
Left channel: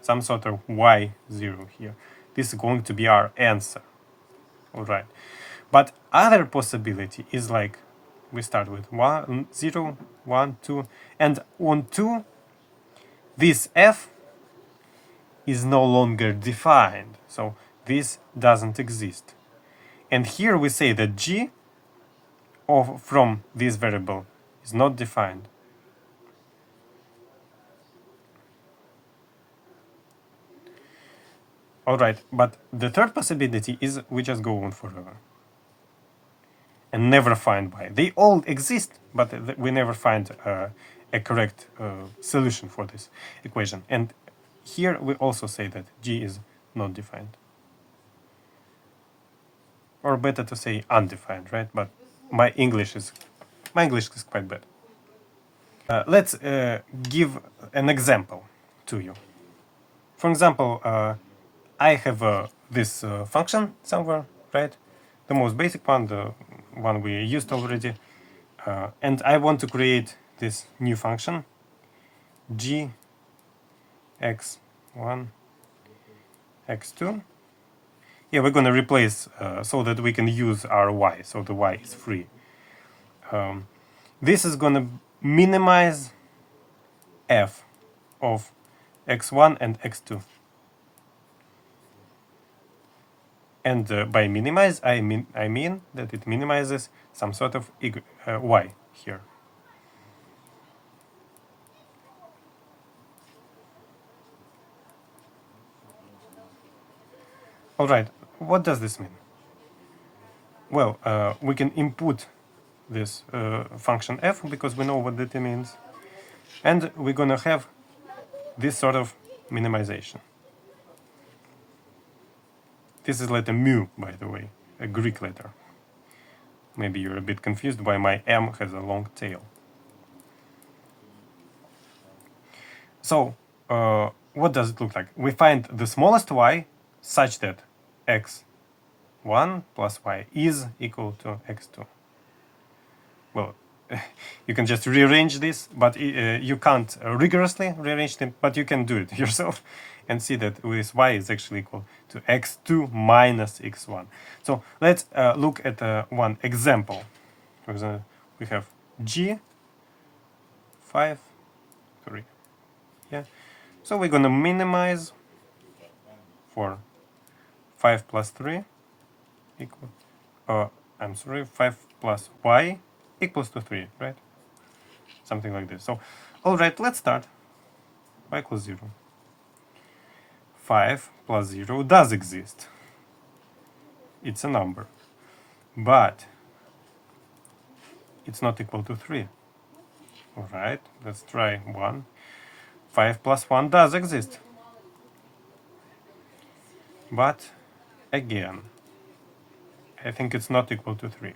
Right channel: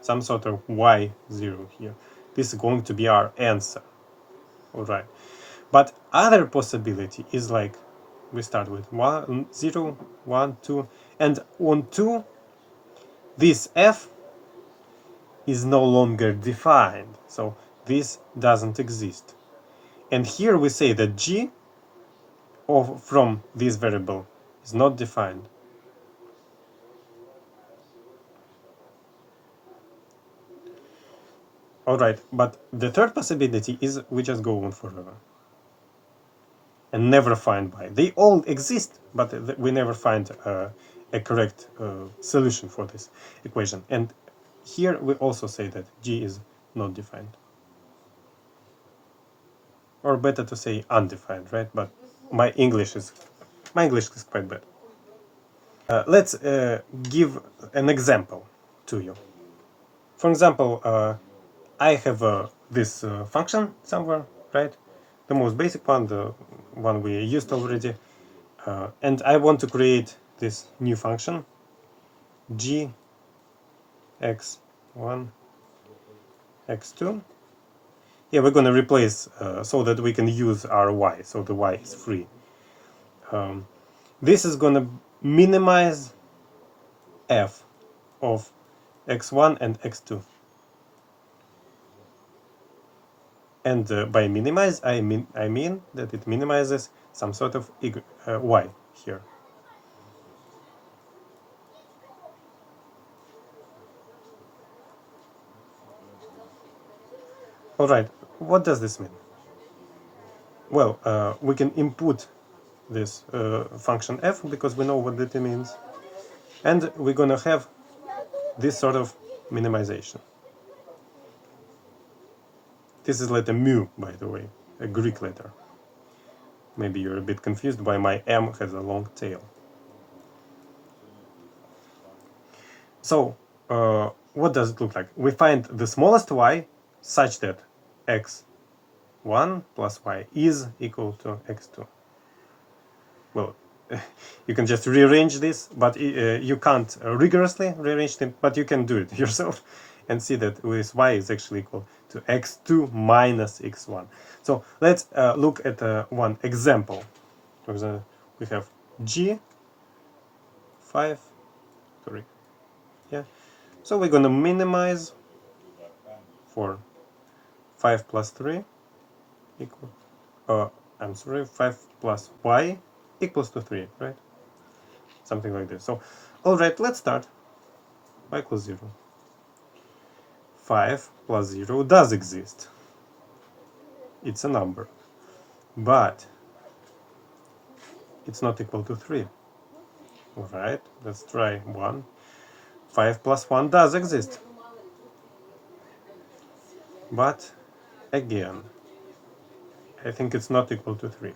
some sort of y0 here. This is going to be our answer. All right. But other possibility is like we start with 1, 0, 1, 2, and on 2, this f is no longer defined. So this doesn't exist. And here we say that g from this variable is not defined. Alright, but the third possibility is we just go on forever and never find y. They all exist, but we never find a correct solution for this equation. And here we also say that g is not defined. Or better to say undefined, right? But my English is quite bad. Let's give an example to you. For example, I have this function somewhere, right? The most basic one, the one we used already. And I want to create this new function, g x1, x2. Yeah, we're going to replace so that we can use our y, so the y is free. This is going to minimize f of x1 and x2. And by minimize, I mean that it minimizes some sort of y here. All right, what does this mean? Well, we can input this function f because we know what that means, and we're gonna have this sort of minimization. This is letter mu, by the way, a Greek letter. Maybe you're a bit confused why my m has a long tail. So, what does it look like? We find the smallest y such that x1 plus y is equal to x2. Well, you can just rearrange this, but you can't rigorously rearrange them, but you can do it yourself and see that this y is actually equal to x2 minus x1. So let's look at one example. For example, we have g 5, sorry, yeah. So we're gonna minimize for 5 plus 3 equal, I'm sorry, 5 plus y equals to 3, right? Something like this. So, alright, let's start. Y equals 0. 5 plus 0 does exist. It's a number. But it's not equal to 3. Alright, let's try 1. 5 plus 1 does exist. But, again, I think it's not equal to 3.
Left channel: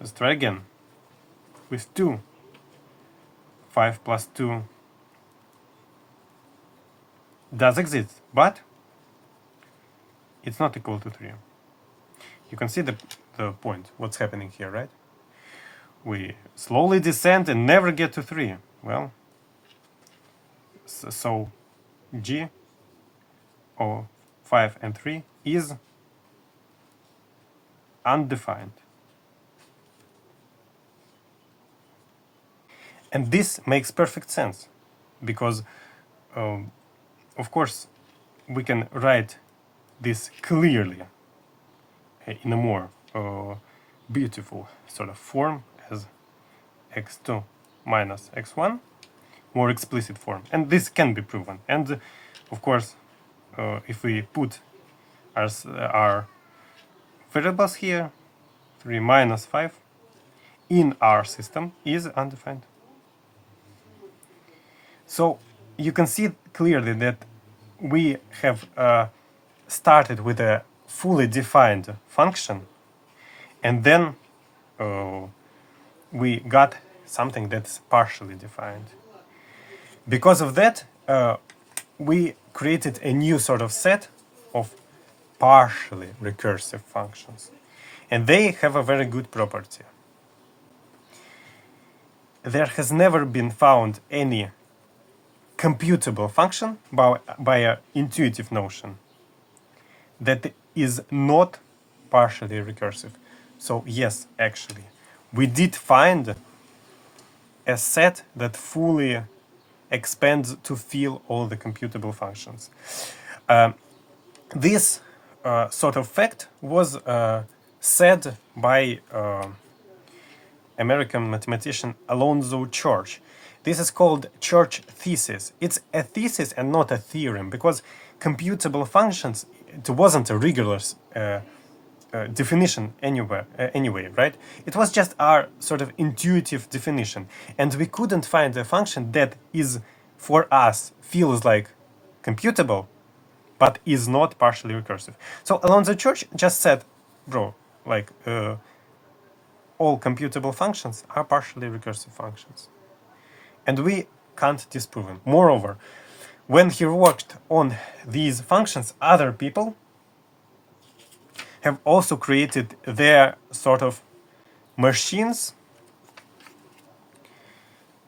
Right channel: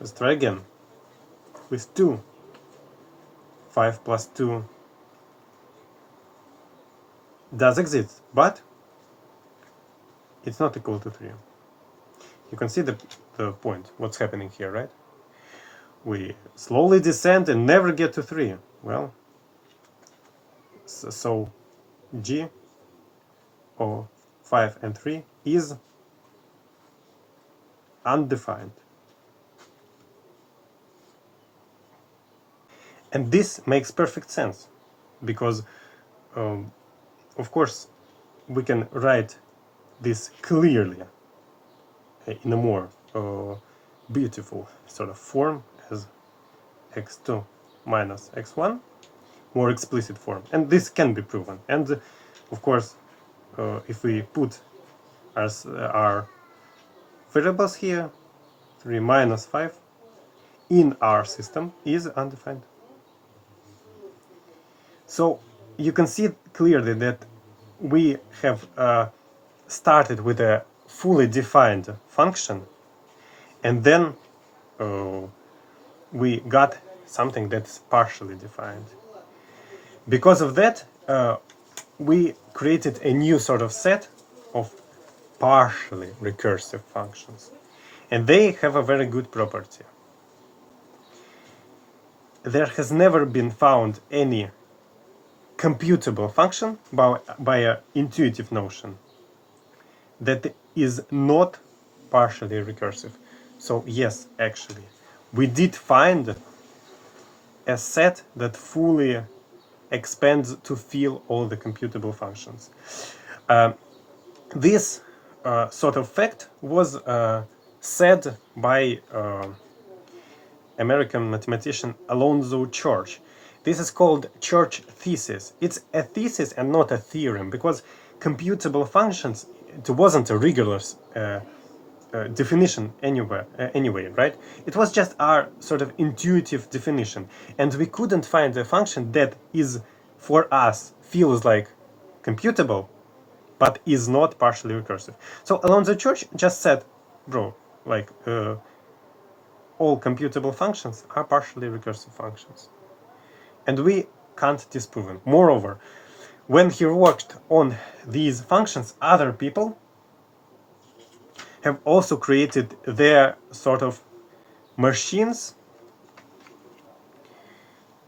Let's try again with 2. 5 plus 2 does exist, but it's not equal to 3. You can see the point, what's happening here, right? We slowly descend and never get to 3. Well, so g of 5 and 3 is undefined. And this makes perfect sense, because of course we can write this clearly in a more beautiful sort of form as x2 minus x1, more explicit form, and this can be proven. And of course, if we put our variables here, 3 minus 5 in our system is undefined. So you can see clearly that we have started with a fully defined function, and then we got something that's partially defined. Because of that, we created a new sort of set of partially recursive functions. And they have a very good property. There has never been found any computable function by an intuitive notion that is not partially recursive. So yes, actually, we did find a set that fully expands to fill all the computable functions. This sort of fact was said by American mathematician Alonzo Church. This is called Church thesis. It's a thesis and not a theorem, because computable functions, it wasn't a rigorous definition anyway, right? It was just our sort of intuitive definition, and we couldn't find a function that is, for us, feels like computable, but is not partially recursive. So Alonzo Church just said, bro, like all computable functions are partially recursive functions. And we can't disprove them. Moreover, when he worked on these functions, other people have also created their sort of machines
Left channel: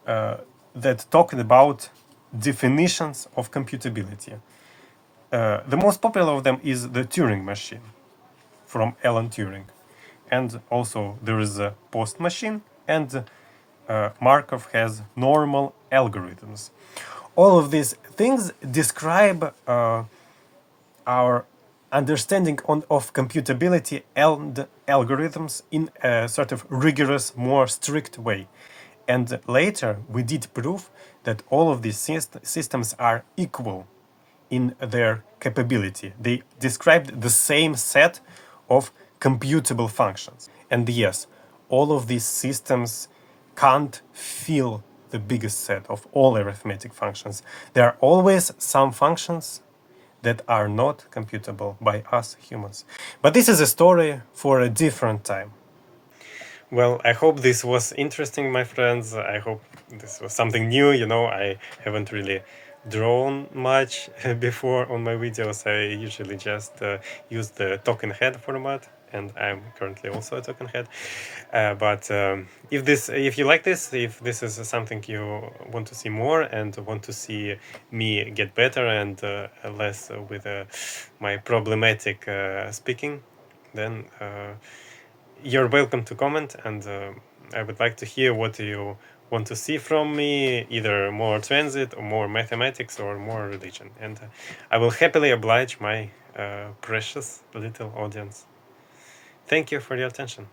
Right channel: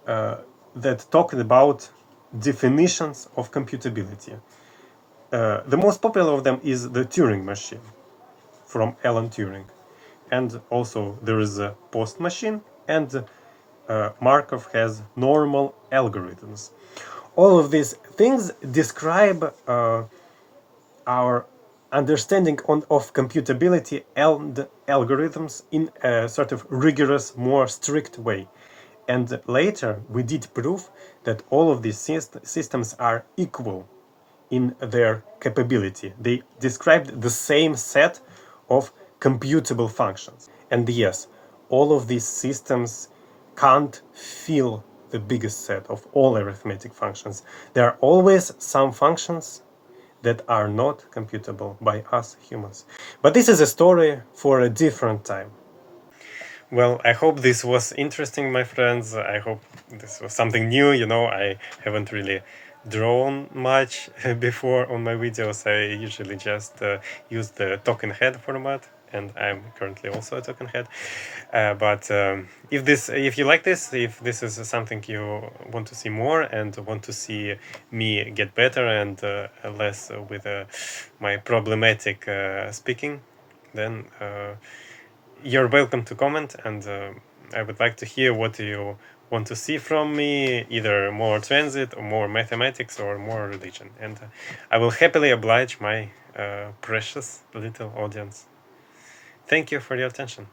that talked about definitions of computability. The most popular of them is the Turing machine from Alan Turing. And also there is a post machine, and Markov has normal algorithms. All of these things describe our understanding of computability and algorithms in a sort of rigorous, more strict way. And later we did prove that all of these systems are equal in their capability. They described the same set of computable functions. And yes, all of these systems can't fill the biggest set of all arithmetic functions. There are always some functions that are not computable by us humans. But this is a story for a different time. Well, I hope this was interesting, my friends. I hope this was something new. I haven't really drawn much before on my videos. I usually just use the token head format, and I'm currently also a token head. But if you like this, if this is something you want to see more and want to see me get better and less with my problematic speaking, then you're welcome to comment, and I would like to hear what you want to see from me, either more transit or more mathematics or more religion, and I will happily oblige my precious little audience. Thank you for your attention.